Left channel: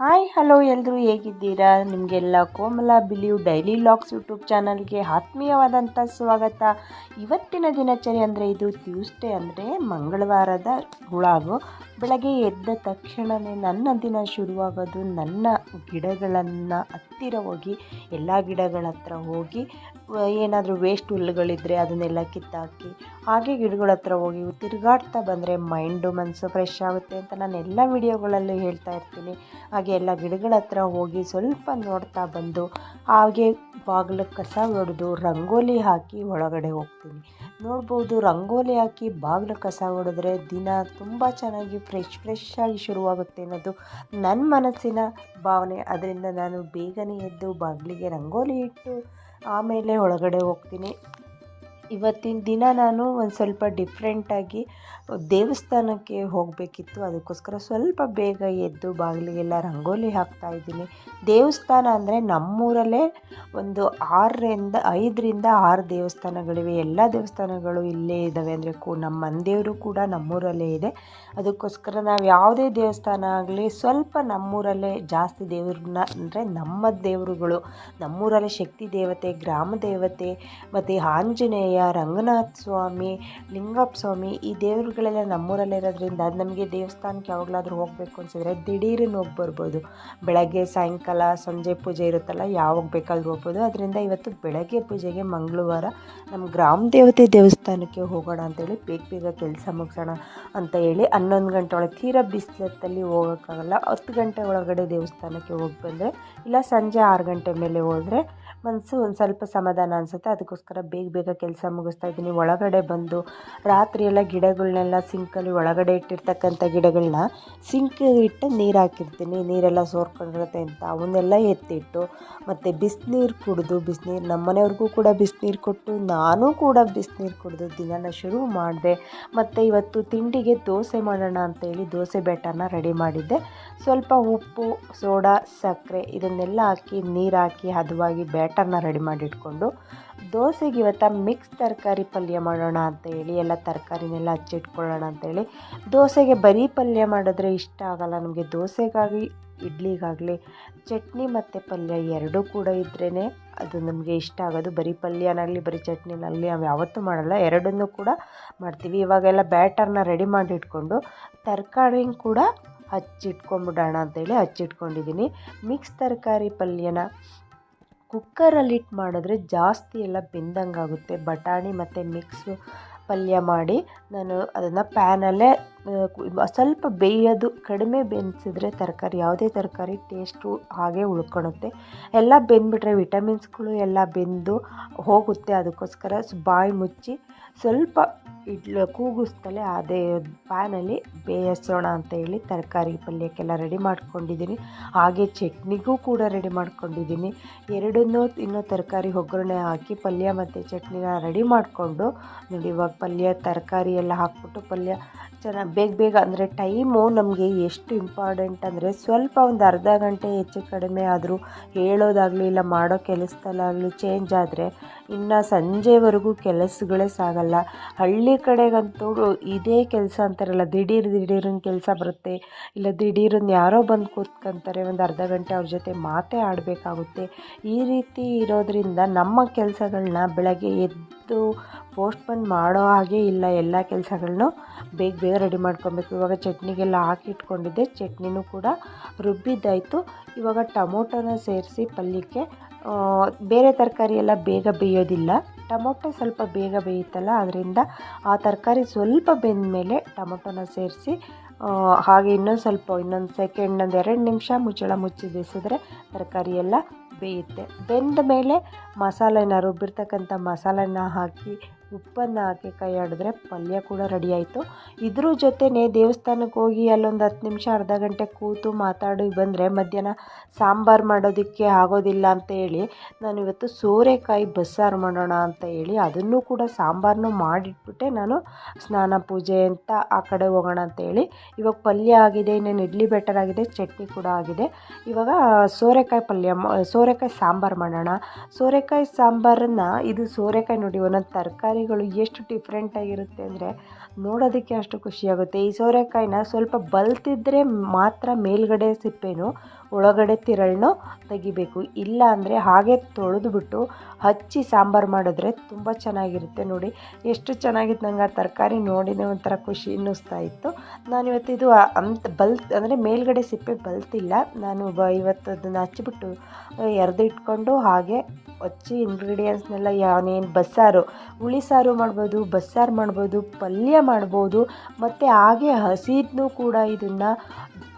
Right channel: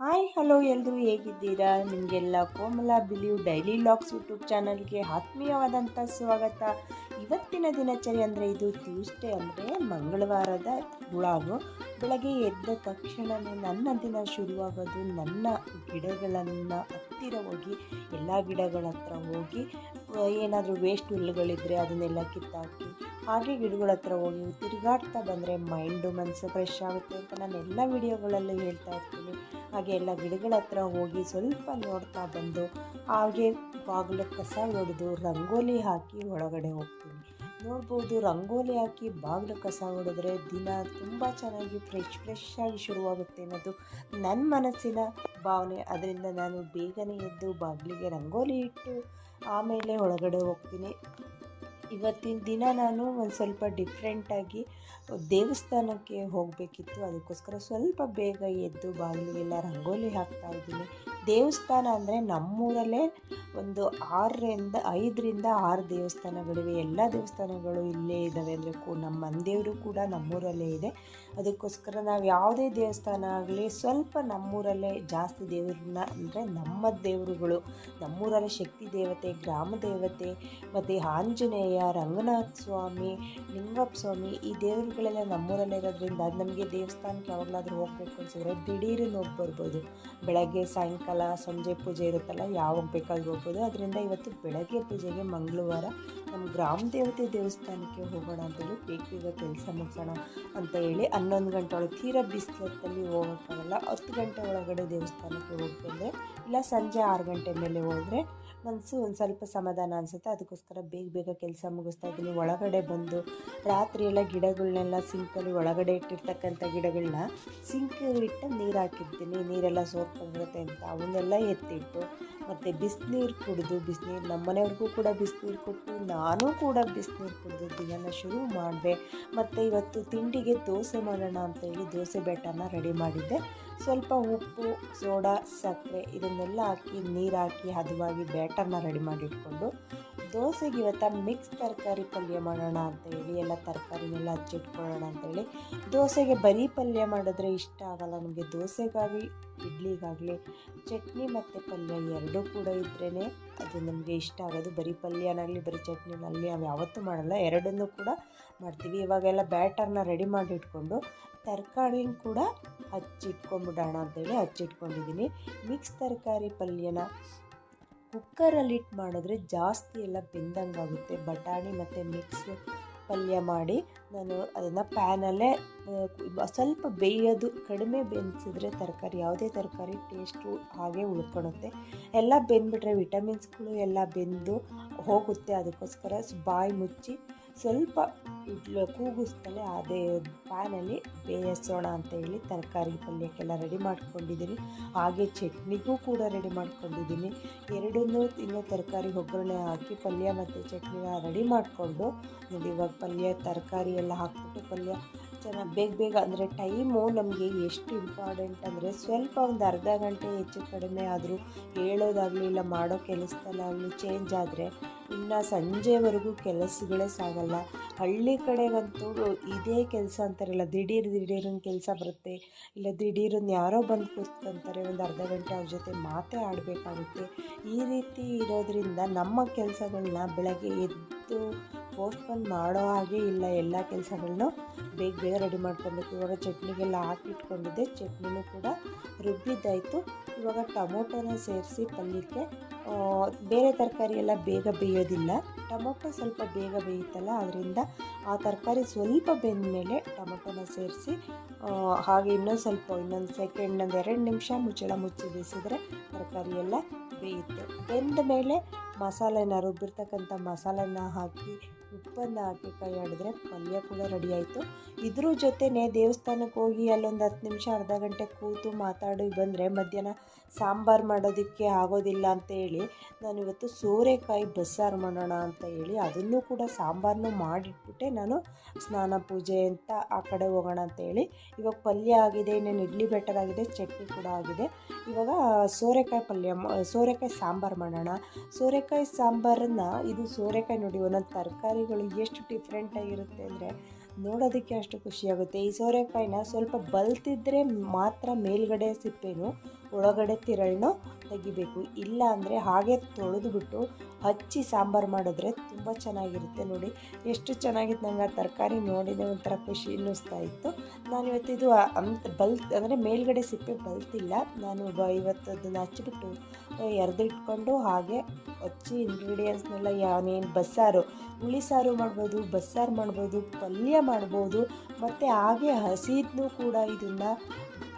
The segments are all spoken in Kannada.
ಹಾಯ್ ಹಲೋ ಎಲ್ಲರೂ ಹೇಗಿದ್ದೀರಾ? ನಿಮಗೆಲ್ಲ ಕೋಮಲ ಬಿಲಿಯು ಡೈಲಿ ಲಾಗ್ಸ್ ಯೂಟ್ಯೂಬ್ ಚಾನಲ್ಗೆ ಆತ್ಮೀಯವಾದಂಥ ಸ್ವಾಗತ. ಇವತ್ತಿನ ದಿನಚರಿ ಅಂದರೆ ಇದು ಟ್ಯೂಸ್ಡೇ ಅಂದರೆ ಮಂಗಳವಾರದ ಹುಳಾಗು ಬೆಳಗ್ಗೆ ಎದ್ದ ತಕ್ಷಣವೇ ನನ್ನ ದಿನ ಶುರುವಾಗೋದು ನನ್ನ ಗಿಡಗಳನ್ನು ಹತ್ತಿರ ಹೋಗಿ, ಎಲ್ಲ ಗಿಡಗಳ ಹತ್ರ ಹೋಗಿ, ಏನಾದರೂ ವೇಸ್ಟ್ ಹುಲ್ಲುಗಳಿದ್ದರೆ ಅದನ್ನೆಲ್ಲ ಕಿತ್ತಾಕಿ ಹಾಗೆ ಗಿಡಗಳ ಹತ್ರ ಹೋಗಿ ತಿರುಗಾಡ್ತಾ ಬಂದರೆ ಮೈಂಡು ಮನಸ್ಸು ಫ್ರೆಶ್ ಆಗುತ್ತೆ ಅಂತ ನಾನು ಎಲ್ಲ ವಿಡಿಯೋಗಳಲ್ಲೂ ಹೇಳ್ತಾ ಇರ್ತೀನಿ. ಹಾಗೆ ಎಲ್ಲ ಗಿಡಗಳ ಹತ್ರ ಹೋಗಿ ಸ್ವಲ್ಪ ನೋಡ್ತಾ ಬಂದು ಹಾಗೆ ಬಾಗಿಲು ಕಸ ಹೊಡೆದು ರಂಗೋಲಿ ಹಾಕಿ ಒಳಗಡೆ ಹೋಗ್ತೀನಿ. ನೋಡ್ಬೋದು ರಂಗೋಲಿ ಹಾಕಿ ಬಾಗಿಲು ಕಸ ಹೊಡೆದ್ರೆ ದಿನ ತುಂಬ ಚೆನ್ನಾಗಿ ಫ್ರೆಶ್ ಫ್ರೆಶ್ ಆಗಿ ಶುರುವಾಗುತ್ತೆ ಅನ್ನೋದು ನನ್ನ ಮನಸ್ಸಿನ ಭಾವನೆ. ಅದರಿಂದ ನಾನು ಬೇಗನೆ ಎದ್ದು ಬಾಗಿಲಿಗೆ ರಂಗೋಲಿ ಇಟ್ಟು ಆಮೇಲೆ ಒಳಗಡೆ ಹೋಗ್ತೀನಿ. ಇವತ್ತಿನ ದಿನ ನಾನು ಒಂದು ಸ್ವಲ್ಪ ಡಿಫ್ರೆಂಟಾಗಿ ದೇವಸ್ಥಾನಕ್ಕೆ ಹೋಗಬೇಕಿತ್ತು. ಅದಕ್ಕೋಸ್ಕರ ಸ್ವಲ್ಪ ಬೇಗ ಎದ್ದು ಬಾಗಿಲಿಗೆಲ್ಲ ರಂಗೋಲಿ ಹಾಕ್ತಾ ಇದ್ದೀನಿ. ದೇವಸ್ಥಾನ ಅಂದರೆ ನಮ್ಮೂರಲ್ಲೇ ಒಂದು ಆರರಿಂದ ಐದರಿಂದ ಆರು ದೇವಸ್ಥಾನಗಳಿವೆ. ಎಲ್ಲ ದೇವಸ್ಥಾನಗಳು ಇಲ್ಲೇ ಇದ್ದಾವೆ. ಅಂದರೆ ಕೂ ನಮ್ಮ ಮನೆದೇವರು ಕೂಡ ನಮ್ಮೂರಲ್ಲೇ ಇದೆ. ಅದಕ್ಕೋಸ್ಕರ ನಾವು ಯಾವುದೇ ದೇವಸ್ಥಾನ ಆಗಲಿ ಸ್ವಲ್ಪ ನಮ್ಮೂರಲ್ಲೇ ಜಾಸ್ತಿ ದೇವ್ರನ್ನ ಅಂದರೆ ನಮ್ಮ ದೇವರುಗಳು, ನಮ್ಮೂರಲ್ಲೇ ಶಕ್ತಿ ದೇವತೆ, ಗ್ರಾಮ ದೇವತೆ ಮತ್ತು ಆಂಜನೇಯ, ರಂಗನಾಥ ಸ್ವಾಮಿ, ಲಿಂಗಪ್ಪ ಸ್ವಾಮಿ ಈ ದೇವರುಗಳೆಲ್ಲ ನಮ್ಮೂರಲ್ಲೇ ಇರೋದ್ರಿಂದ ನಮಗೆ ದೇವಸ್ಥಾನಕ್ಕೆ ಯಾವಾಗಲಾದ್ರೂ ಹೋಗಬೇಕು ಅನ್ಸಿದ್ರೆ ದಿಢೀರನ್ನು ಹೋಗಿ ಬರ್ಬೋದು. ಬೆಳಗ್ಗೆ, ಸಾಯಂಕಾಲ ಸಂಜೆ ಪೂಜೆ ಇರುತ್ತಲ್ಲ ಯಾವಾಗ ಬೇಕಾದ್ರೂ ಹೋಗ್ಬೋದು. ಅದರಿಂದ ಇವತ್ತು ಬೆಳಗ್ಗೆ ಪೂಜೆಗೆ ಮಂಗಳವಾರ ನಮ್ಮ ಗ್ರಾಮ ದೇವತೆ ದೇವಸ್ಥಾನಕ್ಕೆ ಹೋಗೋಣ ಅಂತೇಳಿ ಬೇಗ ಬೇಗ ಕೆಲಸ ಮುಗಿಸೋಣ ಅಂತ ಹೇಳಿ ಹನ್ನೊಂದು ಗಂಟೆ ಒಳಗೆ ತೀರಾ ಬಿಸಿಲತ್ತಲ್ಲಿ ಹೋಗೋಕ್ಕಾಗಲ್ಲ. ಹತ್ತು ಗಂಟೆ ಒಳಗಡೆ ದೇವಸ್ಥಾನಕ್ಕೆ ಹೋಗಿ ಬಂದರೆ ಇಲ್ಲ ಸಂಜೆ ಆರು ಗಂಟೆ ಮೇಲೆ ಹೋದರೆ ಮನಸ್ಸು ಒಂದು ಸ್ವಲ್ಪ ಸಮಾಧಾನ ಅನಿಸುತ್ತೆ. ಅದಕ್ಕೋಸ್ಕರ ಬೇಗ ಬೇಗ ಕೆಲಸ ಮುಗಿಸ್ತಾ ಇದ್ದೀನಿ. ಒಳಗಡೆ ಬಂದು ರಾತ್ರಿ ಎಲ್ಲ ಗಿಡಗಳನ್ನೆಲ್ಲ ಸಿಂಕಲ್ಲಿ ಒಳಗಡೆ ಇಟ್ಟಿರ್ತಕ್ಕಂಥ ಗಿಡಗಳನ್ನ ಸಿಂಕ್ ಇಟ್ಟು ನೀರು ಹಾಕಿರ್ತೀನಿ. ನೀರೆಲ್ಲ ಸೋರ್ಕೊಂಡಿರುತ್ತೆ ಅಂತ. ಅವನ್ನೆಲ್ಲ ಎತ್ತಿಟ್ಟು ಮತ್ತು ಬಿಸಿನೀರು ಕುಡಿದು, ಬಿಸಿನೀರು ನಮ್ಮ ಮನೆಯವ್ರಿಗೂ ಕೂಡ ಬಿಸಿನೀರು ಕೊಟ್ಟು, ನಾನು ಕೂಡ ಬಿಸಿನೀರು ಕುಡಿದು ದಿನನ ಶುರು ಮಾಡಿದೆ. ಮತ್ತು ಇವತ್ತು ತಿಂಡಿಗೆ ದೋಸೆ ಮಾಡೋಣ ಅಂತೇಳಿ ದೋಸೆ ಬೆಟ್ಟನ ರೆಡಿ ಮಾಡಿದ್ದೆ. ಸ್ವಲ್ಪ ಉಪ್ಪು, ಸೋಡಾ, ಸಕ್ಕರೆ ಇದನ್ನೆಲ್ಲ ಹಾಕಿ ನೀರು ಹಾಕಿ ಹದವಾಗಿ ಬ್ಯಾಟರ್ನ ರೆಡಿ ಮಾಡಿಟ್ಕೊಂಡು ದೋಸೆಗೆ ಇವತ್ತು ಮಿಕ್ಸ್ ತರಕಾರಿ ಪಲ್ಯ ಮಾಡೋಣ ಅಂತ ಹೇಳಿ, ಎಲ್ಲ ತರಕಾರಿನೆಲ್ಲ ಹಚ್ಚಿಟ್ಕೊಳ್ಳೋಣ ಅಂತೇಳಿ ದೋಸೆಗೆ ಬರೀ ಪಲ್ಯ ಮಾಡಿದ್ರೆ ಇಷ್ಟ ಆಗಲ್ಲ. ನಮಗೆ ದೋಸೆಗಾಗಿ, ಇಡ್ಲಿಗಾಗಲಿ, ಚಟ್ನಿ ಮತ್ತು ಪಲ್ಯ ಎರಡೂ ಕೂಡ ಇದ್ರೇ ಅದು ನಮಗೆ ಇಷ್ಟ ಆಗೋದು. ಬರೀ ಪಲ್ಯನಾಗಲಿ, ಬರೀ ಚಟ್ನಿನಾಗಲಿ ನಾವು ಯಾವತ್ತೂ ಮಾಡಲ್ಲ. ಎರಡನ್ನೂ ಕೂಡ ಮಾಡ್ತೀವಿ. ಇವಾಗೆಲ್ಲ ಬ್ಯಾಟರ್ನ ರೆಡಿ ಮಾಡಿಟ್ಕೊಂಡು ತರಕಾರಿನ ಕೂಡ ಹಚ್ಚಿಟ್ಕೊಂಬಿಡೋಣ ಅಂತೇಳಿ ಹಚ್ಚಿಟ್ಕೊಂಡಿದ್ದೀನಿ. ಮಿಕ್ಸ್ ತರಕಾರಿ ಪಲ್ಯನ ಕುಕ್ಕರಲ್ಲಿಟ್ಟು ಮಾಡಿದ್ರೆ ಜಾಸ್ತಿ ಎಲ್ಲ ಬೆಂದಂಗೆ ಆಗುತ್ತೆ ಬಟಾಣಿ ಮತ್ತು ಮಿಕ್ಸು ಪಲ್ಯ ಮಾಡಿ ನಾನು ಅದನ್ನು ಪ್ಯಾನಲ್ಲೇ ಸ್ವಲ್ಪ ಬೇಯೋದು, ಕಡಿಮೆ ಬೇಯಿಸಿದ್ರೆ ತರಕಾರಿ, ಯಾವುದೇ ತರಕಾರಿ ಟೇಸ್ಟು ಹಾಗೆ ಉಳ್ಕೊಳುತ್ತೆ. ಎಲ್ಲ ಬೆಂದ್ಬಿಟ್ರೆ ವಿಟಮಿನ್ಸ್ಗಳು ಎಲ್ಲ ಬೆಂದು ಹೋಗುತ್ತೆ. ಅದಕ್ಕೋಸ್ಕರ ಬಾಯಿ ಮುಚ್ಚಿ ಸ್ವಲ್ಪ ಇಡ್ಲು ಕೂಗಿಸ್ತಲೇ ಅದೇ ಪ್ಯಾನಲ್ಲಿ ಬೇಯಿಸೋಣ ಅಂತ ಹೇಳಿ ತರಕಾರಿ ಪಲ್ಯಕ್ಕೆಲ್ಲ ರೆಡಿ ಮಾಡ್ಕೊಂಡಿದ್ದೀನಿ. ಹಾಗೆ ಚಟ್ನಿಗೂ ಕೂಡ ರೆಡಿ ಮಾಡ್ಕೊಂಡಿದ್ದೀನಿ. ಎರಡನ್ನೂ ಇನ್ನೂ ತರಕಾರಿ ಒಗ್ಗರಣೆ ಹಾಕಿ ಪಲ್ಯ ಮತ್ತು ಚಟ್ನಿನ ರೆಡಿ ಮಾಡಿಕೊಂಡು ನೋಡಿ ಇವಾಗ ಪಲ್ಯ, ತರಕಾರಿ ಎಲ್ಲ ಹಾಕ್ಬಿಟ್ಟು ಪಲ್ಯ ಚೆನ್ನಾಗಿ ಬೇಗ ಬೇಗ ಅಂದರೆ ಟೈಮು ನಮಗೆ ಎಷ್ಟು ಇಂಪಾರ್ಟೆಂಟ್ ಅಂದರೆ ಸ್ವಲ್ಪ ಒಂದು ಅರ್ಧ ಗಂಟೆ ಹೆಚ್ಚು ಕಡಿಮೆ ಆದರೂ ಹೇಳೋದಾಗಲಿ ಇಲ್ಲ ಮಾಡೋ ಕೆಲಸದಲ್ಲಾಗಲಿ ಚೇಂಜ್ ಆದರೆ ಇನ್ನು ಸಂಜೆವರೆಗೂ ಕೆಲಸಗಳೇ ಸಾಗಲ್ಲ. ಹಳ್ಳಿ ಕಡೆಗಂತೂ ಇದೇ ಕೆಲಸ ಅಂತಾರಲ್ಲ, ದಿಢೀರ್ ದಿಢೀರನ್ನ ಕೆಲಸ ಬರುತ್ತೆ. ಇಲ್ಲ ದಿಢೀರನ್ನ ಯಾರೋ ಬಂದು ಕೂತ್ಕೊಂತಾರೆ, ಒಂದು ಅರ್ಧ ಗಂಟೆ ಅವ್ರ ಜೊತೆ ಮಾತೇ ಆಡಬೇಕಾಗುತ್ತೆ. ಈ ರೀತಿ ಇರೋದರಿಂದ ನಮ್ಮ ಕೆಲಸಗಳನ್ನ ಬೆಳಗ್ಗೆ ಎದ್ದು ಪೋಸ್ಟ್ಪೋನ್ ಮಾಡೋ ಹಾಗೆ ಇಲ್ಲ ಎಲ್ಲ ಕೆಲಸಗಳನ್ನು ಬೇಗ ಬೇಗ ರೆಡಿ ಮಾಡ್ಕೊಬೇಕು. ಇವಾಗ ಚಟ್ನಿಗೆಲ್ಲ ಹಾಕಿಟ್ಕೊಂಡಿದ್ದೆ. ಚಟ್ನಿನೂ ಕೂಡ ರುಬ್ಬಿದ್ದಾಯಿತು. ಇವಾಗ ಟೊಮೊಟೊನ ಸೇರಿಸಿ ಪಲ್ಯಕ್ಕೆ ಬೇರೆ ತರಕಾರಿ ಎಲ್ಲ ಬೇಗ ಬೇಯೋದಿಲ್ಲ. ಟೊಮೊಟೊ ಸ್ವಲ್ಪ ಬೇಗ ಬೇಯುತ್ತಲ್ಲ ಅದರಿಂದ ಆ ತರಕಾರಿ ಸ್ವಲ್ಪ ಬೆಂದ ಮೇಲೆ ಟೊಮೊಟೊನ ಸೇರಿಸಿ ಹಾಗೆ ಇನ್ನೊಂದು ಸ್ವಲ್ಪ, ಇನ್ನೊಂದು ಸೆಕೆಂಡ್, ಒಂದು ಎರಡು ನಿಮಿಷ ಮುಚ್ಚಳ ಮುಚ್ಚಿ ಬೇಯಿಸಿದ್ರೆ ತರಕಾರಿ ಎಲ್ಲ ಬೇಯುತ್ತೆ. ಬೆಂದ ಮೇಲೆ ಮಸಾಲೆನ ರುಬ್ಬಿರ್ತಕ್ಕಂಥ ಮಸಾಲೆನ ಹಾಕಿ ಉಪ್ಪನ್ನು ಹಾಕಿ ಕೈ ಆಡಿದ್ರೆ ಪಲ್ಯ ಕೂಡ ರೆಡಿ ಆಯಿತು. ಇದ್ರ ಜೊತೆನೇ ದೇವಸ್ಥಾನಕ್ಕೆ ಹೋಗಿ ಅಲ್ಲೊಂದು ಹತ್ತು ನಿಮಿಷ, ಅರ್ಧ ಗಂಟೆ ಕೂತು ಮಾತಾಡಿ ಬಂದರೆ ಮಧ್ಯಾಹ್ನ ಸಾಂಬಾರು ಮಾಡೋದಕ್ಕೆ ಆಗೋದಿಲ್ಲ ಅಂತ ಹೇಳಿ, ನಾನು ಇವತ್ತು ಸೋರೆಕಾಯಿ ಬಸ್ಸಾರು ಮಾಡೋಣ ಅಂತ ಹೇಳಿ ಅದನ್ನು ಕೂಡ ಸಾಂಬಾರನ್ನು ಮಾಡಿಟ್ಬಿಟ್ಟೆ. ನಾನು ಸ್ನಾನ ಪೂಜೆ ಅಂತ ಆ ಕಡೆ ಹೋಗೋಣ ಅಂತ ಹೇಳಿ, ಇವಾಗ ಪಲ್ಯ ಆಗಿದೆ, ಇನ್ನೇನು ಇಡ್ಲಿ ಬೆಟರ್ ಆಗಿದೆ, ಚಟ್ನಿ ಕೂಡ ಆಗಿದೆ. ಇವಾಗ ಸೋರೆಕಾಯಿ ಪಲ್ಯ ಸೋರೆಕಾಯಿ ಸಾಂಬಾರು ಮಾಡೋಣ. ಸೋರೆಕಾಯಿ ಸಾಂಬಾರನ್ನು ಇದು ಸೋರೆಕಾಯಿ ನೋಡಿ ಒಂದೊಂದು ತರಕಾರಿಗಳು ಎಷ್ಟು ಡಿಫ್ರೆಂಟಾಗಿರುತ್ತೆ ಅಂದರೆ ನೋಡೋದಕ್ಕೆ ಅಷ್ಟು ಖುಷಿಯಾಗುತ್ತೆ. ಈ ಸೋರೆಕಾಯಿನ ಸ್ವಲ್ಪ ಬಲ್ತಿದ್ರೆ ಮಾತ್ರ ಮೇಲ್ಗಡೆ ಸಿಪ್ಪೆನು ಒಳಗಡೆ ತಿರಳನ್ನು ತೆಗಿಬೇಕು. ಇಲ್ಲ ಅಂದರೆ ಹಾಗೆ ತೊಳೆದುಬಿಟ್ಟು ಹಚ್ಚಿ ಸಾಂಬಾರು ಮಾಡಿದ್ರೆ ತುಂಬ ಚೆನ್ನಾಗಿರುತ್ತೆ ನೋಡಿ. ಎಷ್ಟು ಚೆನ್ನಾಗಿತ್ತು ನಂಗೆ ಆ ತರಕಾರಿ ನೋಡಿನೇ ಒಂಥರ ಖುಷಿ ಅನ್ನಿಸ್ತಾ ಇತ್ತು. ನಾನು ಇವತ್ತು ಇದು ಅಂತ ಬಲ್ ಅಂದರೆ ಮೇಲ್ಗಡೆ ಸಿಪ್ಪೆ ಬಲ್ತಿಲ್ಲ. ನಾನು ಬ ಇವತ್ತು ಅದನ್ನು ಹಚ್ಚಿಬಿಟ್ಟು ಎರೆದು ಇಟ್ಕೊಂಡು ಹಾಗೆ ಹಚ್ಚಿ ಇಂಗ್ರೀಡಿಯೆಂಟ್ಸ್ನೆಲ್ಲ ಯಾವನೇನು ಬಸ್ಸಾರು ಹುಳಿ ಸಾರು ಮಾಡ್ಬೋದು, ಬಸ್ಸಾರು ಮಾಡ್ಬೋದು, ಪಲ್ಯ ಮಾಡ್ಬೋದು, ಮತ್ತು ಹಾಗೆ ಹಸಿದನ್ನೂ ಕೂಡ ಇದನ್ನು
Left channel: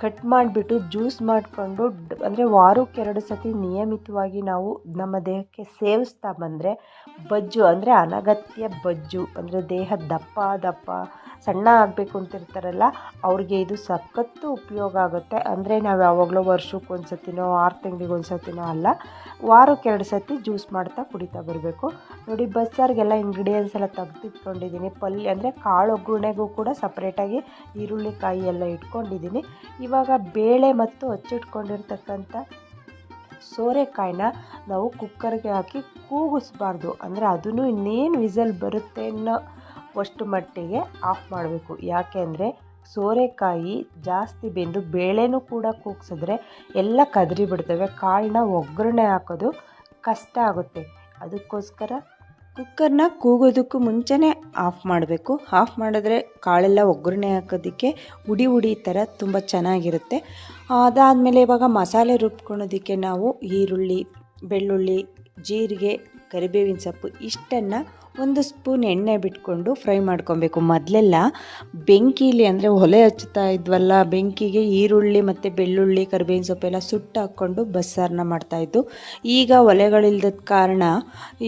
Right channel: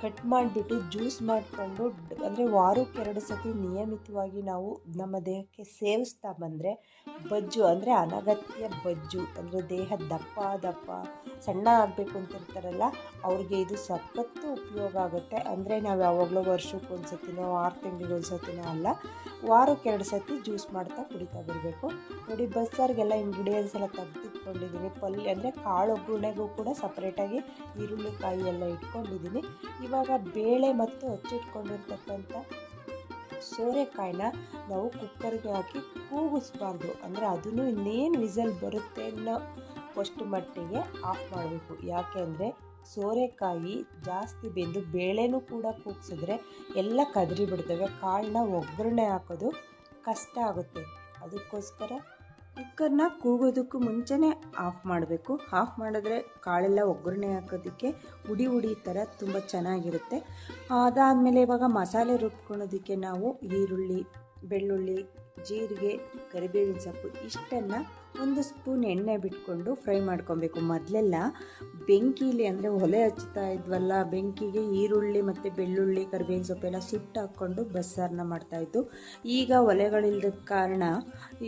ಕಟ್ ಮಾಡಿಬಿಟ್ಟು ಜ್ಯೂಸ್ ಮಾಡಿಕೊಂಡು ಅಂದರೆ ವಾರಕ್ಕೆ ಎರಡು ಸತಿ ನಿಯಮಿತವಾಗಿ ನಾವು ನಮ್ಮ ದೇಹಕ್ಕೆ ಸೇವಿಸ್ತಾ ಬಂದರೆ ಬಜ್ಜು ಅಂದರೆ ಅನಗತ್ಯ ಬಜ್ಜು, ಅಂದರೆ ದೇಹ ದಪ್ಪ ದಪ್ಪ ಸಣ್ಣ ಆಗಬೇಕು ಅಂತಿರ್ತಾರಲ್ಲ, ಅವ್ರಿಗೆ ಇದು ಸಖತ್ತು ಉಪಯೋಗ ಆಗುತ್ತೆ. ಅಂದರೆ ನಾವು ಯಾವಾಗಲೂ ವರ್ಷಕ್ಕೆ ಒಂದು ಸತಿನೋ, ಆರು ತಿಂಗಳಿಗೆ ಒಂದು ಸತಿನೋ ಅಲ್ಲ, ವಾರಕ್ಕೆ ಎರಡು ಸತಿ ಜ್ಯೂಸ್ ಮಾಡ್ತಾ ಕುಡಿತಾ ಬರಬೇಕು. ನೋಡಿ, ಬಸ್ಸಾರಿಗೆಲ್ಲ ಇಂಗ್ರೀಡಿಯೆಂಟ್ಸ್ ಎಲ್ಲ ತೆಗೆದಿಟ್ಕೊಂಡಿದ್ದೀನಿ ಪಲ್ಯ ಅಂದರೆ ಕಾಳು ಒಗ್ಗರಣೆಗೂ ಕೂಡ ಸಪ್ರೇಟಾಗಿ ಈರುಳ್ಳಿ ಕಾಯಿ ಎಲ್ಲ ಇಟ್ಕೊಂಡಿದ್ದೀನಿ ಇವಾಗ ಬೇಳೆ ಮತ್ತು ಹಚ್ಚಿಟ್ಕೊಂಡಿರ್ತಕ್ಕಂಥ ಸೋರೆಕಾಯಿನ ನಾವು ಕುಕ್ಕರ್ಗೆ ಹಾಕಿ ಕೂಗಿಸ್ಬಾರ್ದು. ಅಂದರೆ ಅದನ್ನು ಇನ್ನೇನು ವಿಸಲ್ ಬರುತ್ತೆ ಅನ್ನೋ ಅಷ್ಟು ಮಟ್ಟಿಗೆ ಆಫ್ ಮಾಡಬೇಕು. ಯಾಕೆ ಅಂದರೆ ಸೋರೆಕಾಯಿ ಜಾಸ್ತಿ ಬೆಂದು ಬೇಳೆನೂ ಕೂಡ ಕೂಗ್ಸಿದ್ರೆ ಎಲ್ಲ ಕದರಿ ಬಿಡ್ತವೆ. ಕಾಳನ್ನ ಒಗ್ಗರಣೆ ಹಾಕೋದು ಕಷ್ಟ ಆಗುತ್ತೆ. ಅದಕ್ಕೋಸ್ಕರ ಕುಕ್ಕರ್ನ ಕೂಗೋದಕ್ಕೂ ಮುಂಚೆನೇ ಆಫ್ ಮಾಡಬೇಕು. ಆಫ್ ಮಾಡಿದ್ರೆ ಕಾಳೆಲ್ಲ ಒಗ್ಗರಣೆ ಹಾಕೋದಕ್ಕೆ ಉಡಿ ಉಡಿ ಥರ ತುಂಬ ಚೆನ್ನಾಗಿರುತ್ತೆ. ಅದಾದಮೇಲೆ ಇವಾಗ ಮಸಾಲೆ ರುಬ್ಕೊಳೋದಕ್ಕೆ ನಾವು ಈರುಳ್ಳಿ, ಬೆಳ್ಳುಳ್ಳಿ, ಜೀರಿಗೆ, ಕರಿಬೇವಿನ ಸೊಪ್ಪು ಇಷ್ಟನ್ನು ಒಂದು ಸ್ಪೂನ್ ಎಣ್ಣೆ ಬಿಟ್ಕೊಂಡು ಫ್ರೈ ಮಾಡ್ಕೊಬೇಕು. ಮೊದಲೆಲ್ಲ ಬೆಂಕಿಲಿ ಅಂದರೆ ಒಲೆ ಹಚ್ತಾ ಇದ್ವಲ್ಲ, ಬೆಂಕಿಗೆ ಈರುಳ್ಳಿ ಮತ್ತು ಬೆಳ್ಳುಳ್ಳಿ, ಕರಿಬೇವಿನ ಸೊಪ್ಪೆಲ್ಲ ಸುಟ್ಟು ಹಾಕ್ಕೊಂಡು ಬಸ್ಸಾರನ್ನ ಮಾಡ್ತಾಯಿದ್ದು ಈಗ ಒಲೆಗಳಿಲ್ಲದ ಕಾರಣ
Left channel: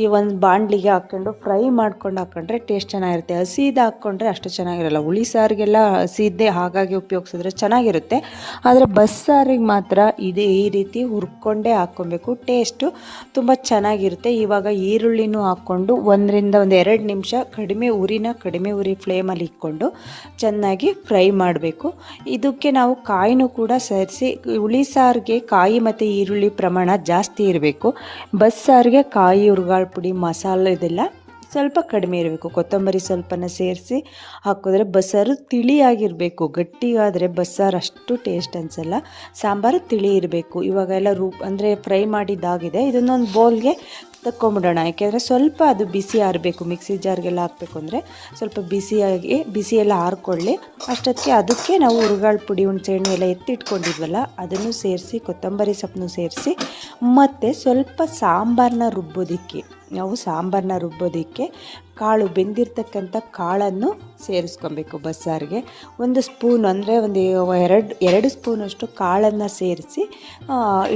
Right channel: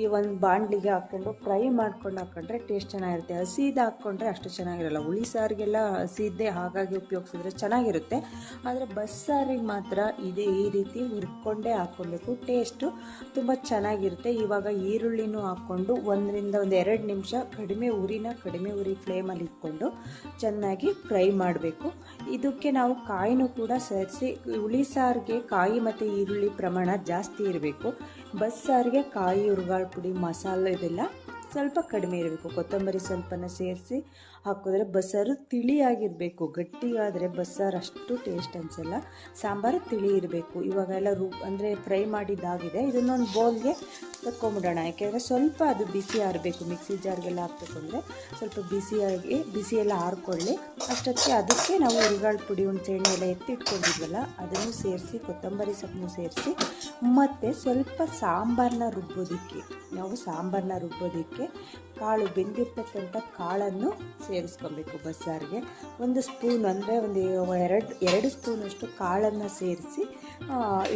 ಈ ಒಂದು ಬಾಣಲಿಗೆ ಹಾಕ್ಕೊಂಡು ಫ್ರೈ ಮಾಡ್ಕೊಂಡು ಹಾಕ್ಕೊಂಡ್ರೆ ಟೇಸ್ಟ್ ಚೆನ್ನಾಗಿರುತ್ತೆ. ಹಸಿದು ಹಾಕ್ಕೊಂಡ್ರೆ ಅಷ್ಟು ಚೆನ್ನಾಗಿರಲ್ಲ. ಹುಳಿ ಸಾರಿಗೆಲ್ಲ ಹಸಿದ್ದೇ ಹಾಗಾಗಿ ಉಪಯೋಗಿಸಿದ್ರೆ ಚೆನ್ನಾಗಿರುತ್ತೆ. ಆದರೆ ಬಸ್ಸಾರಿಗೆ ಮಾತ್ರ ಇದೇ ಈ ರೀತಿ ಹುರ್ಕೊಂಡೇ ಹಾಕ್ಕೊಬೇಕು. ಟೇಸ್ಟು ತುಂಬ ಚೆನ್ನಾಗಿರುತ್ತೆ. ಇವಾಗ ಈರುಳ್ಳಿನೂ ಹಾಕ್ಕೊಂಡು ಒಂದರಿಂದ ಒಂದು ಎರಡು ನಿಮಿಷ ಕಡಿಮೆ ಉರಿನ ಕಡಿಮೆ ಉರಿ ಫ್ಲೇಮಲ್ಲಿ ಇಟ್ಕೊಂಡು ಚೆನ್ನಾಗಿ ಫ್ರೈ ಮಾಡಬೇಕು. ಇದಕ್ಕೆ ನಾವು ಕಾಯಿನೂ ಕೂಡ ಸೇರಿಸಿ, ಹುಳಿ ಸಾರಿಗೆ ಕಾಯಿ ಮತ್ತು ಈರುಳ್ಳಿ ಪ್ರಮಾಣ ಜಾಸ್ತಿ ಇರಬೇಕು. ಬಸ್ಸಾರಿಗೆ ಕಾಯಿ, ಹುರ್ಗಾಳ ಪುಡಿ, ಮಸಾಲೆ ಇದೆಲ್ಲ ಸ್ವಲ್ಪ ಕಡಿಮೆ ಇರಬೇಕು. ಕೊತ್ತಂಬರಿ ಸ್ವಲ್ಪನ ಸೇರಿಸಿ ಹಾಕಿದ್ರೆ ಬಸ್ಸಾರು ತಿಳಿಯಾಗಿರಬೇಕು. ಗಟ್ಟಿಗಾದರೆ ಬಸ್ಸಾರು ಅಷ್ಟು ಟೇಸ್ಟ್ ಅನಿಸಲ್ಲ. ಸಾಂಬಾರು ತಿಳಿ ಇರಬೇಕು. ಇವಾಗೆಲ್ಲ ರೂ, ಅಂದರೆ ಫ್ರೈ ಮಾಡಿದ್ದಾಗಿದೆ. ಇದನ್ನೊಂದು ಬೌಲ್ಗೆ ತಕ್ಕೊಂಬಿಡೋಣ. ಯಾಕೆಂದರೆ ಸ್ವಲ್ಪ ಅದು ಬಿಸಿ ಆರಬೇಕು. ಮಿಕ್ಸಿ ಜಾರ್ಗೆಲ್ಲ ಹಾಕಬೇಕು ಅಂದರೆ ಸ್ವಲ್ಪ ಬಿಸಿಯಾಗಿ, ಬಿಸಿಯೆಲ್ಲ ಎಲ್ಲ ಆರ್ಕೊಳ್ಳಿ. ಅಷ್ಟೊತ್ತಿಗೆ ಅದಕ್ಕೆ ನಾವು ಹುರುಗಾಳು ಪುಡಿ, ಹುಣಸೆಹಣ್ಣು ಎಲ್ಲ ಎತ್ತಿಟ್ಕೊಂಡಿದ್ವಲ್ಲ, ಅದನ್ನು ಸೇರಿಸಿ, ಕೊತ್ತಂಬರಿ ಸೊಪ್ಪನ್ನು ಸೇರಿಸಿ, ಮತ್ತು ಸ್ವಲ್ಪ ಸಾಂಬಾರನ್ನ ರುಬ್ಬೋದಕ್ಕೆ. ನಾವು ಸಾಂಬಾರನ್ನ ರುಬ್ಬೋದಕ್ಕೆ ಕಾಳು ಬೆಂದಿರ್ತಕ್ಕಂಥ ಕಾಳನ್ನು ಸೇರಿಸ್ಕೊಬೇಕು ಬಸ್ಸಾರಿಗೆ. ಒಂದು ಸ್ಪೂನ್ ಅಂದರೆ ಒಂದು ಎರಡು ಎರಡು ಸ್ಪೂನಷ್ಟು ಕಾಳನ್ನು ಸೇರಿಸಿ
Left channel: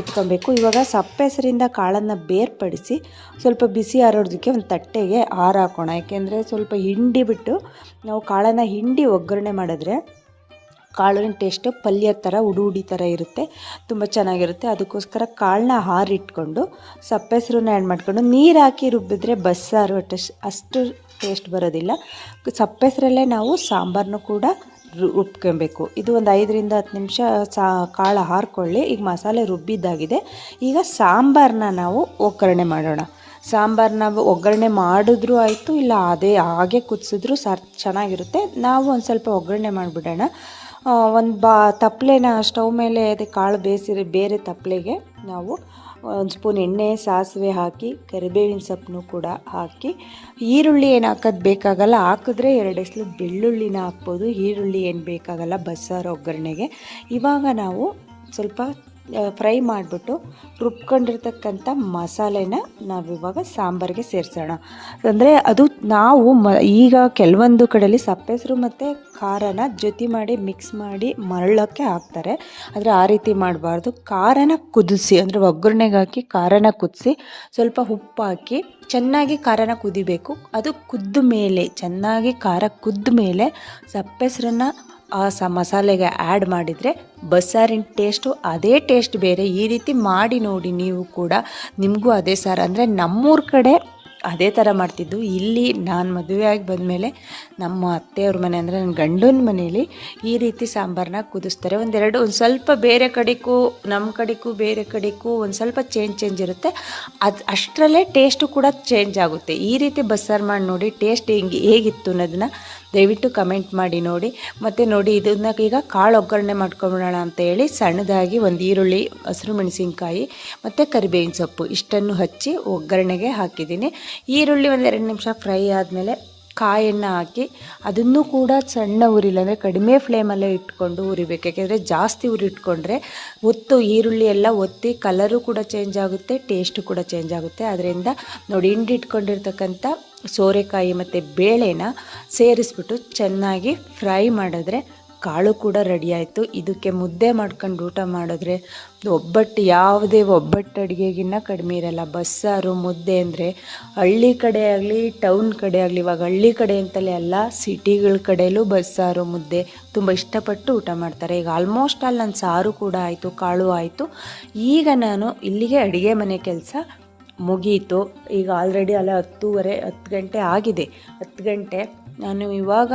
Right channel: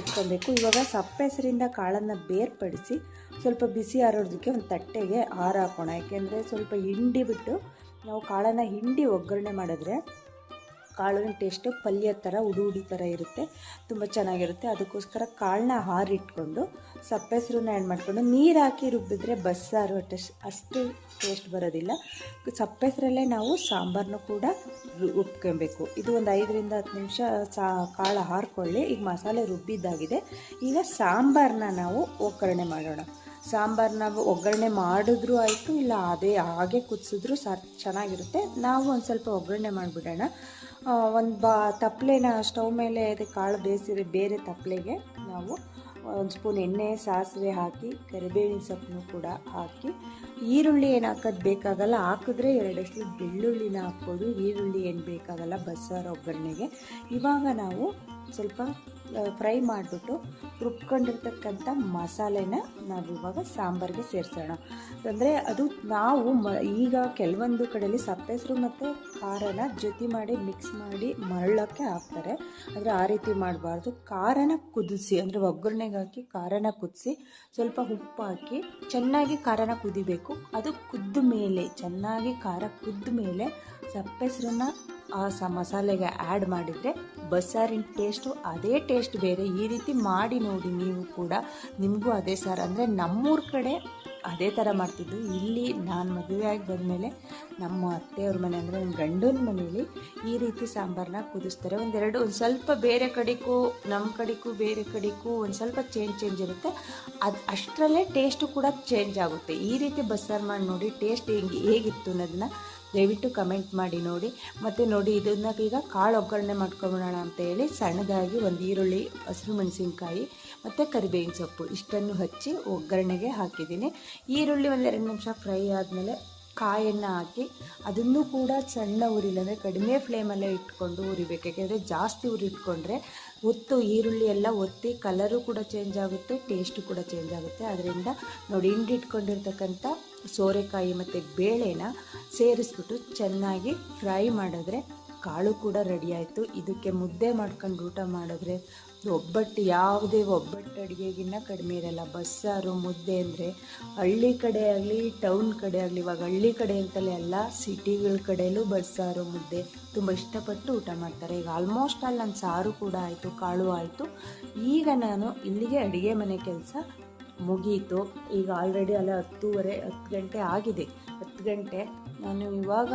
ಇಟ್ಕೊಬೇಕು. ಇವಾಗ ಸಪ್ಪೆಸರಿಂದ ಕಾಳನ್ನು ಬೇರ್ಪಡಿಸಿ ಸ್ವಲ್ಪ ಬಿಸಿ ಆರೋದಕ್ಕೆ ಒಂದು ತಟ್ಟೆಗೆ ಆರು ಹಾಕೋಣ. ಯಾಕೆಂದರೆ ಸ್ವಲ್ಪ ಹಿಂಡಿ ಬಿಟ್ಟು ನಾವು ಕಾಳನ್ನು ಹಿಂಡಿ ಒಗ್ಗರಣೆ ಮಾಡಿದ್ರೆ ಕಾಳಿನ ಟೇಸ್ಟು ಪಲ್ಯ ಥರ ಉಡು ಉಡಿ ಥರ ಇರುತ್ತೆ. ತುಂಬ ಚೆನ್ನಾಗಿರುತ್ತೆ. ಅದಕ್ಕೋಸ್ಕರ ಕಾಳನ್ನ ಹಾರಿಟ್ಕೊಂಡು ಸಪ್ಪೆಸರನ್ನ ಆ್ಯಡ್ ಮಾಡಿಕೊಂಡು, ನೀರು ಹಾಕಿ ರುಬ್ಬಿದ್ರೆ ಬಸ್ಸಾರು ಟೇಸ್ಟ್ ಅಷ್ಟು ಟೇಸ್ಟ್ ಬರೋದಿಲ್ಲ. ಸಪ್ಪೆಸರಲ್ಲೇ ನಾವು ಸಾಂಬಾರನ್ನು ಕೂಡ ರುಬ್ಕೊಬೇಕು. ಇದು ಒಂದು ಐದರಿಂದ ಹತ್ತು ನಿಮಿಷ ಸಾ, ಕಾಳು ಹಾರ್ಕೊಳ್ಳಿ. ಈಗ ಮಸಾಲೆ ರುಬ್ಬಿದ್ದಾಗಿದೆ. ಈಗ ಸಾಂಬಾರನ್ನ ನಾವು ಒಗ್ಗರಣೆ ಮಾಡೋಣ. ಸಾಂಬಾರನ್ನ ಒಗ್ಗರಣೆ ಮಾಡಿದ್ರೂ ಆಯಿತು, ಇಲ್ಲ ಅದೇ ಹಾಗೆ ಕುದಿಸಿದ್ರು ಸರ್, ಚೆನ್ನಾಗಿರುತ್ತೆ. ನಾವು ಒಂದು ಸ್ವಲ್ಪ ಒಗ್ಗರಣೆ ಮಾಡಿಬಿಡೋಣ. ಒಂದು ಬಾ ತಪ್ಪಲೆನ ಸ್ಟವ್ ಮೇಲೆ ಅದೇ ಕಾಳು ಬೇಯಿಸಿರೋ ಬೇರೆ ತಪ್ಪಲೆಗೆ ನಾವು ಒಂದು ಸ್ಪೂನ್ ಎಣ್ಣೆ, ಸಾಸಿವೆ ಹಾಕಿ, ಕರಿಬೇವಿನ ಸೊಪ್ಪನ್ನು ಕೂಡ ಹಾಕಿ, ಈರುಳ್ಳಿ ಏನು ಹಾಕೋದು ಬೇಕಾಗಲ್ಲ, ಹಾಕಿದ್ರೆ ಎರಡು ಎಸಲು ಬೆಳ್ಳುಳ್ಳಿನ ಹಾಕ್ಬೋದು, ಈರುಳ್ಳಿ ಏನು ಬೇಕಾಗಲ್ಲ, ಬಸ್ಸಾರು ಒಗ್ಗರಣೆಗೆ. ಇವಾಗ ನಾವು ಸ್ವಲ್ಪ ಫ್ರೈ ಮಾಡಿಬಿಟ್ಟು ರುಬ್ಕೊಂಡಿರ್ತಕ್ಕಂಥ ಮಸಾಲೆನ ನಾವಿವಾಗ ಸಾಂಬಾರಿಗೆ ಸೇರಿಸೋಣ. ಅಂದರೆ ಅದು ನಾವು ಮ, ಈಗ ಕೆಲವೊಂದು ಕಡೆಯಲ್ಲಿ ಸಪ್ಪೆಸರು ಮತ್ತು ಖಾರನ ಜೊತೆ ಮಾಡಿ ಮಿಕ್ಸ್ ಮಾಡಿ ಮರಳೋಕ್ಕೆ ಹಾಕ್ತಾರೆ. ಆದರೆ ಆ ರೀತಿ ಮಾಡಬಾರ್ದು. ಖಾರನ ಕುದಿಸಿ, ಅಂದರೆ ಒಗ್ಗರಣೆಗೆ ಹಾಕಿ ಖಾರನ ಕುದಿಸಿ ಸ್ವಲ್ಪ ಉಪ್ಪು ಹಾಕಿ ಚೆನ್ನಾಗಿ ಖಾರನ ಕುದಿಬೇಕು. ಅದು ಕುದ್ದ ಮೇಲೆ, ಚೆನ್ನಾಗಿ ಖಾರ ಕುದ್ದ ಮೇಲೆ ಸಪ್ಪೆಸರನ್ನ ಆ ಸ ಮಸಾಲೆಗೆ ಆ್ಯಡ್ ಮಾಡಿದರೆ ಬಸ್ಸಾರಿನ ಟೇಸ್ಟು ಅದೇ ಟೇಸ್ಟ್ ಬೇರೆ. ಈ ರೀತಿ ಮಾಡಿ ನೋಡಿ ನೀವು ಕೂಡ. ನಿಮಗೂ ಅದೇ ಸಾರು. ಅಂದರೆ ನಮ್ಮೂರ ಕಡೆ ಅದೇ ಥರ ಮಾಡ್ತಿದ್ದು. ಇಲ್ಲಿ ನಾನು ಮದುವೆ ಆಗಿ ಬಂದಮೇಲೆ ನಮ್ಮ ಅತ್ತೆಯವ್ರ ಮನೆ ಅಂದರೆ ನನ್ನ ಗಂಡನ ಮನೇಲಿ ಈ ರೀತಿ ಸಾಂಬಾರನ್ನ ಕುದಿಸ್ತಾರೆ. ಒಂದೆರಡು, ಒಂದು ಸ್ವಲ್ಪ ಬೇರೆ ಕಡೆಗೂ ನಮ್ಮ ಕಡೆಗೂ, ಬೇರೆ ಕಡೆಗೂ ಒಂದು ಸ್ವಲ್ಪ ಚೇಂಜ್ ಚೇಂಜ್ ಇರುತ್ತೆ. ಅದು ಅಷ್ಟರಲ್ಲೇ ಟೇಸ್ಟು ಕೂಡ ಚೇಂಜ್ ಆಗುತ್ತೆ. ಈ ರೀತಿ ಬಸ್ಸಾರು ಮಾಡಿ ನೋಡಿ ಟೇಸ್ಟ್ ಹೆಂಗೆ, ಹೇಗಿತ್ತು ಅನ್ನೋದನ್ನ ದಯವಿಟ್ಟು ಕಮೆಂಟ್ ಮಾಡಿ ನೋಡಿ. ಮತ್ತು ನೋಡಿ, ಇದನ್ನ ಈಗ ಕಾಳು ಒಗ್ಗರಣೆ ಮಾಡ್ಕೊಂಬಿಡೋಣ ಅಂತ ಹೇಳಿ ಸಣ್ಣದಾಗಿ ಒಂದು ಈರುಳ್ಳಿ, ಹಸಿರು ಮೆಣಸಿನ್ಕಾಯಿ, ಮತ್ತು ಕರಿಬೇವಿನ ಸೊಪ್ಪು ಇಷ್ಟನ್ನು ಹಚ್ಚಿ ಒಗ್ಗರಣೆಗೆ ಹಾಕಿದ್ದೀನಿ. ಈರುಳ್ಳಿ ಒಂದು ಎರಡು ನಿಮಿಷ ಫ್ರೈ ಆದಮೇಲೆ ಕಾಯನ್ನು ಹಾಕಿ ಅದನ್ನು ಕೂಡ ಸಣ್ಣ ಉರಿಲ್ಲ ಅಂದರೆ ಕಡಿಮೆ ಫ್ಲೇಮಲ್ಲೇ ಇಟ್ಕೊಂಡು ಉರಿಬೇಕು. ಯಾಕೆಂದರೆ ಜಾಸ್ತಿ ಉರಿ ಇಟ್ಕೊಂಡ್ರೆ ಒತ್ತು, ಈರುಳ್ಳಿ ಎಲ್ಲ ಒತ್ತಿ ಕಲರು ಕೂಡ ಚೇಂಜ್ ಆಗುತ್ತೆ ಟೇಸ್ಟು ಕೂಡ ಚೇಂಜ್ ಆಗುತ್ತೆ. ಅದರಿಂದ ನೋಡಿ ಹಿಂಡಿಟ್ಕೊಂಡಿರ್ತಕ್ಕಂಥ ಸೋರೆಕಾಯಿ ಮತ್ತು ಬೇಳೆನ ಸೇರಿಸ್ಬಿಟ್ಟು ಚೆನ್ನಾಗಿ ಫ್ರೈ ಮಾಡಿದ್ರೆ ಕಾಳು ಕೂಡ ರೆಡಿ ಆಯಿತು. ಇದಕ್ಕೆ ಮುದ್ದೆ ಮಾಡ್ಕೊಂಡು ಊಟ ಮಾಡಿದ್ರೆ ಒಬ್ಬಟ್ಟು, ಯಾವುದೇ ಒಬ್ಬಟ್ಟು ಅಡುಗೆಗಿನ್ನ ಕಡಿಮೆ ಇರಲ್ಲ. ಬಸ್ಸಾರು, ಮುದ್ದೆ ಅಂದರೆ ಹಳ್ಳಿ ಕಡೆ ಆಗಲಿ ಟೌನ್ ಕಡೆ ಆಗಲಿ, ಇವಾಗ ಹಳ್ಳಿ ಕಡೆ ಅಂತಲೇ ಅಲ್ಲ, ಸಿಟಿಗಳ ಕಡೆಯಲ್ಲೂ ಬಸ್ಸಾರು, ಮುದ್ದೆ ತುಂಬ ಇಷ್ಟಪಟ್ಟು ಊಟ ಮಾಡ್ತಾರೆ. ಈಗ ಆಲ್ಮೋಸ್ಟ್ ಅಲ್ಲಿ ನನ್ನ ಸಾರು ಕೂಡ ಆಯಿತು, ಕಾಳು ಆಯಿತು. ಈಗ ನಾನು ಇಲ್ಲಿಗೆ ಅಡುಗೆ ಮನೆ ಕೆಲಸ ಮುಗೀತು. ಈಗ ಆಲ್ರೆಡಿ ಅಲ್ಲ ಹತ್ತೂವರೆ, ಹತ್ತು ಗಂಟೆ ಆಗಿದೆ. ಹತ್ತು ಗಂಟೆ, ನಾನು ಇವಾಗ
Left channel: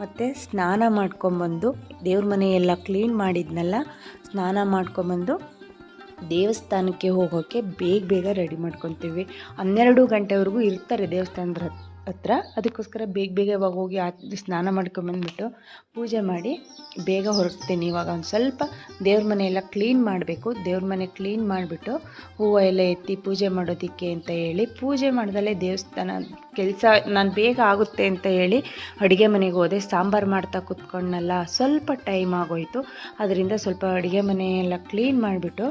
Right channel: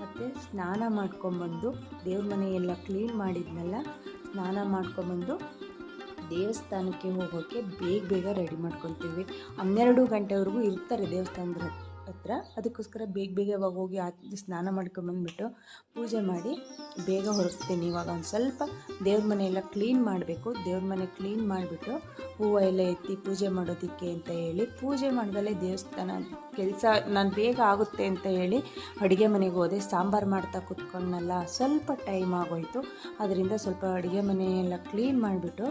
ಮತ್ತೆ ಸ್ನಾನ ಮಾಡ್ಕೊಂಬಂದು ದೇವ್ರ ಮನೆ ಎಲ್ಲ ಕ್ಲೀನ್ ಮಾಡಿದ್ನಲ್ಲ, ಸ್ನಾನ ಮಾಡ್ಕೊಂಬಂದು ದೇವಸ್ಥಾನಕ್ಕೆ ಹೋಗೋಕ್ಕೆ ಬೇಗ ಬೇಗ ರೆಡಿ ಮಾಡ್ಕೊತೀವಿ. ಹನ್ನೆರಡು ಗಂಟೆವರೆಗೂ ಇರ್ತಾರೆ ದೇವಸ್ಥಾನದ ಹತ್- ಹತ್ರ ಅದಕ್ಕೋಸ್ಕರ ಬೇಗ ಬೇಗ ಇವಾಗ ಹೋಗಿ ಆ ಸ್ನಾನ ಮಾಡ್ಕೊಂಬಂದ್ಬಿಟ್ಟು ಪೂಜೆ ಮಾಡಿ ಬೇಗ ಹೊರಡ್ತೀನಿ. ಇವಾಗ ಒಂದು ಸ್ವಲ್ಪ ದೇವ್ರ ಮನೆ ಎಲ್ಲ ಕ್ಲೀನ್ ಮಾಡಬೇಕು. ದೇವ್ರ ಮನೆ ಕ್ಲೀನ್ ಮಾಡಿಬಿಟ್ಟು ಹೂವು ಎಲ್ಲ ಎತ್ತಿ ಪೂಜೆ ಮಾಡೋದಕ್ಕೆ ಅಂತ ಹೇಳಿ ಪೂಜೆ ಮಾಡ್ದಲೇ ದೇವಸ್ಥಾನ ಕೆಲಸ ನಾನು ಬೇಗ ಆಗುತ್ತೆ ಅಂತ ಹೇಳಿ ಅಡುಗೆ ಮನೆಗೆ ಹೋದೆ. ಸಾಂಬಾರು ಮಾಡ್ತಾ ಕೂತ್ಕೊಂಡಲ್ಲ ಸ್ವಲ್ಪ ಟೈಮ್ ಆಗೋಯಿತು. ಅದರಿಂದ ಸ್ವಲ್ಪ ಅಡುಗೆ ಮನೆಯೆಲ್ಲ ಕ್ಲೀನ್ ಮಾಡಿಬಿಟ್ಟು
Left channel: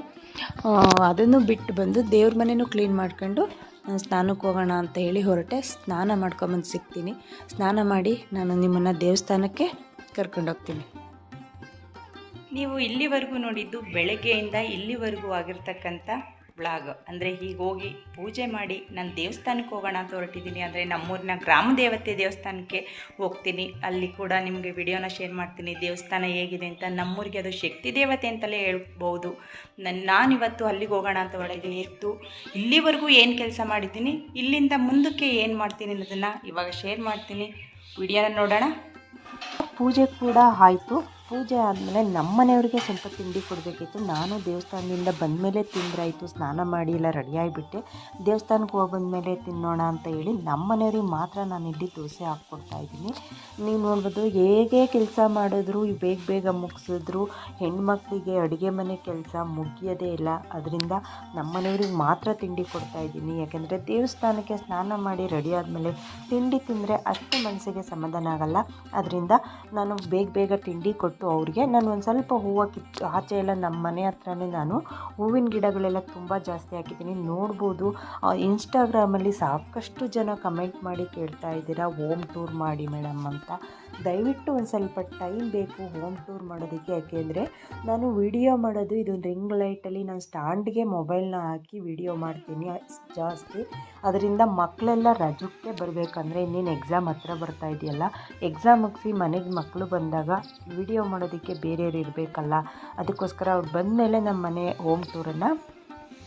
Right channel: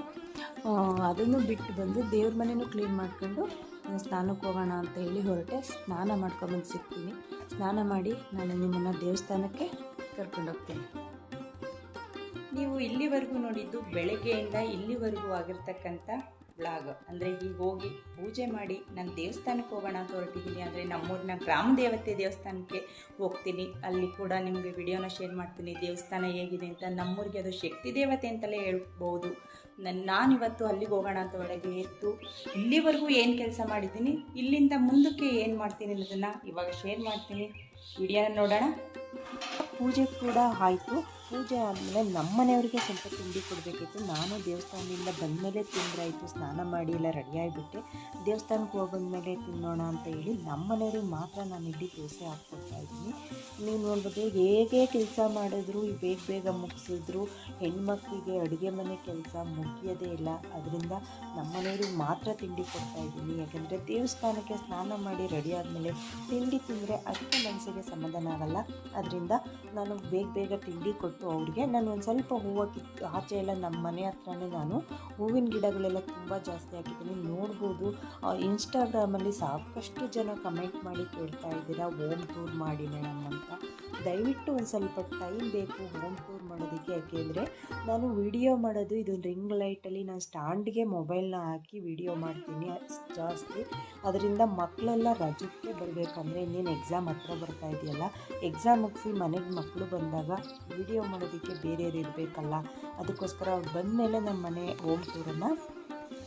ಅದನ್ನು ಬಿಟ್ಟು ಬಂದು ದೇವ್ರ ಮನೆಯೂ ಕ್ಲೀನ್ ಮಾಡ್ಕೊಂಡು ನಾನು ಸ್ನಾನಕ್ಕೆ ಹೋಗೋಣ ಅಂತ ಹೇಳಿ ಹೊರಟೆ, ಸ್ನಾನ ಮಾಡ್ಕೊಂಬಂದು ಸಿಗ್ತೀನಿ. ಸ್ನಾನ ಮಾಡಿ ನಾನು ನಿಮ್ಮನ್ನು ದೇವಸ್ಥಾನಕ್ಕೆ ಕರ್ಕೊಂಡೋಗ್ತೀನಿ ನೀವು ಇಲ್ಲಿವರೆಗೂ ನೋಡಿದ್ದು ಬೆಳಗ್ಗೆಯಿಂದ ಇಲ್ಲಿವರೆಗೂ ಆಗಿರ್ತಕ್ಕಂಥ ಬ್ಲಾಗ್. ಅಂದರೆ ಹೀಗೆ ಹೋಗಿ ಪೂಜೆ ಮಾಡಿ ನಾನು ದೇವಸ್ಥಾನಕ್ಕೆ ಹೋಗೋಣ ಅಂತ ಹೊರಟಿದ್ದೀನಿ ಅಂದರೆ ನಮ್ಮೂರಿನ ಗ್ರಾಮ ದೇವತೆ ದೇವಸ್ಥಾನಕ್ಕೆ ಹೋಗ್ತೀನಿ. ಅಲ್ಲಿ ಕೂಡ ನಿಮಗೆ ವಿಡಿಯೋನ ಶೇರ್ ಮಾಡ್ತೀನಿ. ದೇವಸ್ಥಾನ ಹೇಗಿದೆ ಅಂತ ನಮ್ಮೂರಿಗೆ ಅದು ಶಕ್ತಿ ದೇವತೆ ಅಂತಲೇ ಹೇಳ್ಬೋದು. ನನ್ನ ನಾನಿವತ್ತು ಅಲ್ಲಿಗೆ ಹೋಗೋಣ ಅಂತ ಒಳಗೆ ಇತ್ತು ಇಲ್ಲಿವರೆಗೂ ಏನು ಕೆಲಸ ಮಾಡಿದ್ದೀನಿ? ಇಲ್ಲಿಂದ ಮುಂದಕ್ಕೆ ಏನು ಮಾಡ್ತೀನಿ ಅನ್ನೋದನ್ನು ಇವಾಗ ಶೇರ್ ಮಾಡ್ತೀನಿ. ವಿಡಿಯೋನ ನೋಡೋಣ. ಪೂಜೆ ಕೂಡ ಆಯಿತು. ಪೂಜೆ ಆದಮೇಲೆ ನಮ್ಮ ಮನೆಯವ್ರಿಗೆ ಸ್ವಲ್ಪ ತಿಂಡಿ ಕೊಡಬೇಕಿತ್ತು. ನಾನು ದೇವಸ್ಥಾನದಿಂದ ಬಂದಮೇಲೆ ತಿಂದ್ರಾಯಿತು. ಸ್ನಾನ ಮಾಡಿ ಎಲ್ಲ ರೆಡಿ ಆಗಿಬಿಟ್ಟೆ ದೇವಸ್ಥಾನಕ್ಕೆ ಹೋಗಿ ಬಂದಮೇಲೆ ತಿನ್ನೋಣ ಅಂತ ಹೇಳಿ ನಮ್ಮ ಮನೆಯವ್ರಿಗೆ ಮಾತ್ರ ನಾನು ಇಲ್ಲಿ ದೋಸೆ ಹಾಕ್ಕೊಡ್ತಾ ಇದ್ದೀನಿ. ನೀವು ನೋಡ್ಬೋದು ಹೇಗೆ ಕೆಲಸ ಮಾಡಿದ್ರು, ಬೇಗ ಬೇಗ ಮುಗಿಸಿದ್ರು, ಹೆಣ್ಮಕ್ಳಿಗೆ ಅಡುಗೆ ಮನೆ ಕೆಲಸ ಮುಗಿಯೋದೇ ಇಲ್ಲ. ಅದರಿಂದ ನಮ್ಮ ಮನೆಯವ್ರಿಗೆ ಮಾತ್ರ ತಿಂಡಿ ಕೊಡ್ತಾ ಇದ್ದೀನಿ. ಯಾಕೆಂದರೆ ದೇವಸ್ಥಾನಕ್ಕೆ ಸ್ನಾನ ಮಾಡಿ ರೆಡಿ ಆದಮೇಲೆ ತಿಂಡಿ ತಿಂದರೆ ಅಷ್ಟು ಮನಸ್ಸಿಗೆ ಸಮಾಧಾನ ಆಗಲ್ಲ. ಅದರಿಂದ ನಾನು ಬೇಗ ಬೇಗ ತಿಂಡಿ ಕೊಟ್ಟು ಅವ್ರಿಗೆ. ನಾನು ಒಂದು ಸ್ವಲ್ಪ ಹೂವು ಕಿತ್ತು ಆಚೆ ಎಲ್ಲ ನಮ್ಮ ಮನೆ ಹತ್ರನೇ ನಾನು ಹೂವಿನ ಗಿಡಗಳೆಲ್ಲ ತುಂಬ ಜಾಸ್ತಿ ಹಾಕಿದ್ದೀನಿ. ನೋಡ್ಬೋದು ಇನ್ಸ್ಟಾಗ್ರಾಮಲ್ಲಿ ಸಾಕಷ್ಟು ಜನ ಕಮೆಂಟ್ ಮಾಡಿ ಕೇಳ್ತಾ ಇದ್ದೀರಾ, ಹೋಮ್ ಟೂರ್ ಮಾಡಿ ಮೇಡಮ್ ಅಂತ. ದಯವಿಟ್ಟು ಒಂದು ಸ್ವಲ್ಪ ಟೈಮ್ ಬೇಕು ಹೋಮ್ ಟೂರ್ ಮಾಡೋದಕ್ಕೆ. ಯಾಕೆಂದರೆ ನಾನು ವಿಡಿಯೋ ಮಾಡೋದು ಇದು ರಿಂಗ್ ಲೈಟಲ್ಲಿ ನಾನು ಸ್ಟ್ಯಾಂಡ್ಗೆ ಮೊಬೈಲ್ನ ಹಾಕಿ ವಿಡಿಯೋ ಮಾಡ್ತೀನಿ, ಜಾಸ್ತಿ. ಅದರಿಂದ ಮಕ್ಕಳೆಲ್ಲ ರಜಕ್ಕೆ ಬರಬೇಕಂದ್ರೆ ಇನ್ನೇನು ಎಕ್ಸಾಮ್ ಹತ್ರ ಬರ್ತಾ ಇದೆಯಲ್ಲ ಎಕ್ಸಾಮ್ ಮುಗಿಸಿ ಮನೆಗೆ ಮಕ್ಕಳು ಬಂದಾಗ ವಿಡಿಯೋ ಮಾಡೋದಕ್ಕೆ ಬೇರೆಯವ್ರು ಇರಬೇಕಲ್ಲ? ಅದಕ್ಕೋಸ್ಕರ ಅವ್ರು ಬಂದಮೇಲೆ ನಮ್ಮ ಮನೆ ಹೋಮ್ ಟೂರನ್ನು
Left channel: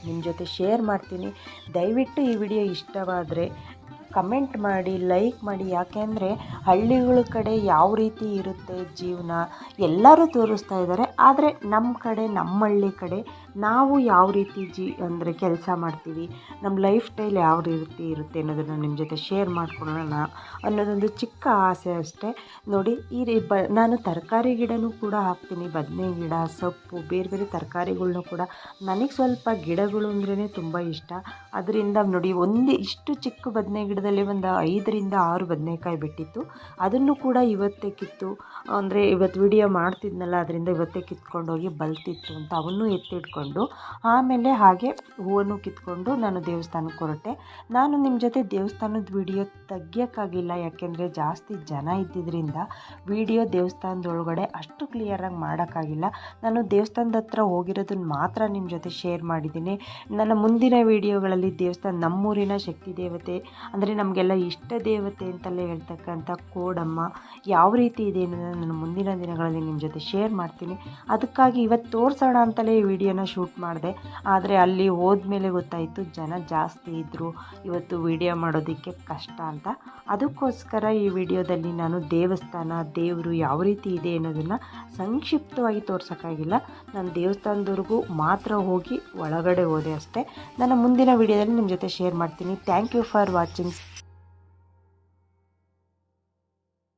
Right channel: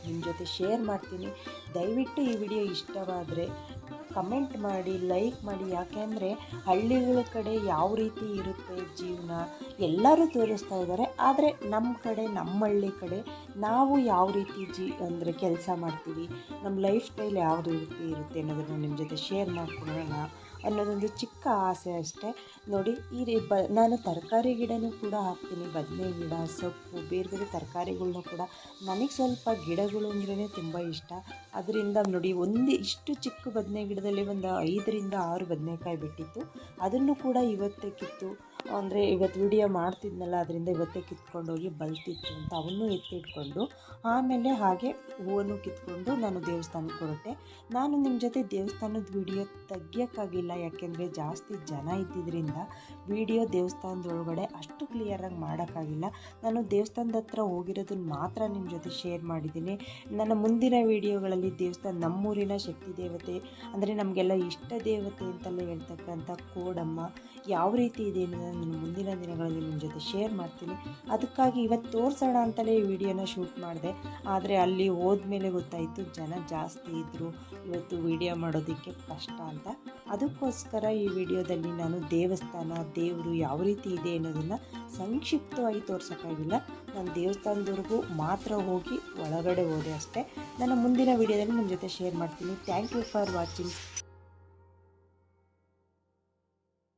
ನಿಮ್ಮ ಜೊತೆ ಶೇರ್ ಮಾಡ್ತೀನಿ. ದಯವಿಟ್ಟು ಈ ವಿಡಿಯೋ ಇಷ್ಟವಾದರೆ ಕಮೆಂಟ್ ಮಾಡಿ ಲೈಕ್ ಮಾಡಿ. ಯಾಕೆಂದರೆ ಹಳ್ಳಿಗಳ ಕಡೆ ಯಾವ ರೀತಿ ಇರುತ್ತೆ ಜೀವನ? ಎಲ್ಲರೂ ತೋರಿಸ್ತಾ ಇದ್ದಾರೆ. ಆದರೆ ನಮ್ಮ ಕಡೆ, ನಮ್ಮ ಹಳ್ಳಿ ಕಡೆ ನಾವು ಯಾವ ರೀತಿ ಜಿ ಅಂದರೆ ಕೆಲಸ ಮಾಡ್ತೀವಿ, ನಮ್ಮ ಲೈಫ್ ಸ್ಟೈಲ್ ಯಾವ ರೀತಿ ಇರುತ್ತೆ ಅನ್ನೋದನ್ನು ನಿಮ್ಮ ಜೊತೆ ಶೇರ್ ಮಾಡ್ಕೊಳ್ಳೋಣ ಅನ್ನೋದೊಂದು ಚಿಕ್ಕ ಆಸೆ ಅಷ್ಟೇ. ನೋಡಿ ಈ ರೀ ಬ ನಾನು ತರಕಾರಿ ಗಿಡನೂ ಕೂಡ ಹಾಕ್ತೀನಿ ಬದನೆ ಗಿಡ, ಸೊಪ್ಪು, ಬೇರೆ ಬೇರೆ ತರಕಾರಿಗಳ್ನೂ ಕೂಡ. ನನಗೆ ಸ್ವಲ್ಪ ಗಿಡಗಳು ಅಂದ್ರೇ ತುಂಬ ಇಷ್ಟ. ಅದರಿಂದ ನೋಡಿ, ಒಂದು ಇಷ್ಟು ಚಿಕ್ಕ ಬದನೆ ಗಿಡದಲ್ಲಿ ಒಂದು ಐದರಿಂದ ಆರು ಬದನೆಕಾಯಿ ಬಿಟ್ಟಿತ್ತು. ಅದನ್ನು ಕೂಡ ಇವತ್ತೇ ಕಿತ್ತು, ಅಂದರೆ ಇವತ್ತು ವಿಡಿಯೋ ಮಾಡ್ತಿದ್ನಲ್ಲ, ಅದರಿಂದ ಇವತ್ತೇ ಕಿತ್ಕೊಂಡೋಗಿ ಬಲ್ತಿತ್ತು ಅಂತ ಅವನ್ನೂ ಎತ್ತಿಟ್ಕೊಂಡು ಆಮೇಲೆ ಹಾಗೆ ಹೂವನ್ನು ಕಿತ್ಕೊಂಡು ನಾನು ದೇವಸ್ಥಾನಕ್ಕೆ ಹೊರಟೆ. ನಾನು ನಿಮ್ಮ ಜೊತೆ ದೇವಸ್ಥಾನದ ವಿಡಿಯೋ ತೆಗಿಯೋಕ್ಕಾಗಿಲ್ಲ, ಯಾಕೆಂದರೆ ಜಾಸ್ತಿ ಜನ ಇದ್ದಿದ್ದರಿಂದ ವಿಡಿಯೋ ದೇವಸ್ಥಾನದೊಳಗಡೆ ಅಷ್ಟು ಕ್ಲಿಯರಾಗಿ ಮಾಡೋಕ್ಕಾಗಿಲ್ಲ. ನಾನು ದೇವಸ್ಥಾನದ ಹತ್ರ ಹೋಗಿರೋದನ್ನು ಮಾತ್ರ ನಿಮ್ಮ ಜೊತೆ ಶೇರ್ ಮಾಡಿದ್ದೀನಿ. ನನ್ನ ಮುಂದಿನ ವಿಡಿಯೋಗಳಲ್ಲಿ ದೇವಸ್ಥಾನ ನಮ್ಮೂರಿನ ಶಕ್ತಿ ದೇವತೆ, ಅಂದರೆ ನಮಗೆಲ್ಲ ಇಷ್ಟ ದೇವತೆ ಅಂತಲೇ ಹೇಳ್ತಕ್ಕಂಥ ಕೋಡಮ್ಮ ಯಾವ ರೀತಿ ಇದೆ ಅನ್ನೋದನ್ನು ನಾನು ಮುಂದಿನ ದಿನಗಳಲ್ಲಿ ನಿಮ್ಮ ಜೊತೆ ಶೇರ್ ಮಾಡ್ತೀನಿ. ಅದಕ್ಕಾಗಿ ಇವತ್ತು ತೋರಿಸೋಣ ಅಂತಲೇ ಈ ವಿಡಿಯೋನ ಶೂಟ್ ಮಾಡಿದೆ. ಆದರೆ ಅಲ್ಲಿ ಹೋದ್ಮೇಲೆ ಗೊತ್ತಾಯಿತು, ಜನ ಜಾಸ್ತಿ ಇದ್ದರು ಇವತ್ತು ವಿಡಿಯೋ ಮಾಡೋದಕ್ಕೆ ಕಷ್ಟ ಅಂತ. ಅದಕ್ಕೋಸ್ಕರ ಈ ವಿಡಿಯೋದಲ್ಲಿ ನಾನು ದೇವಸ್ಥಾನ, ದೇವರು ಯಾವ ರೀತಿ ಇದೆ ಅನ್ನೋದನ್ನು ಸಂಕ್ಷಿಪ್ತವಾಗಿ ತೋರ್ಸೋಕ್ಕಾಗಿಲ್ಲ. ನಾನು ದೇವಸ್ಥಾನದವರೆಗೂ ಮಾತ್ರ ಹೋಗಿ ಒಳಗಡೆ ಹೋದೆ ಅಷ್ಟೇ. ನನ್ನ ಮುಂದಿನ ವಿಡಿಯೋದಲ್ಲಿ ನಿಮ್ಮ ಜೊತೆ ಶೇರ್ ಮಾಡ್ತೀನಿ. Thank you for watching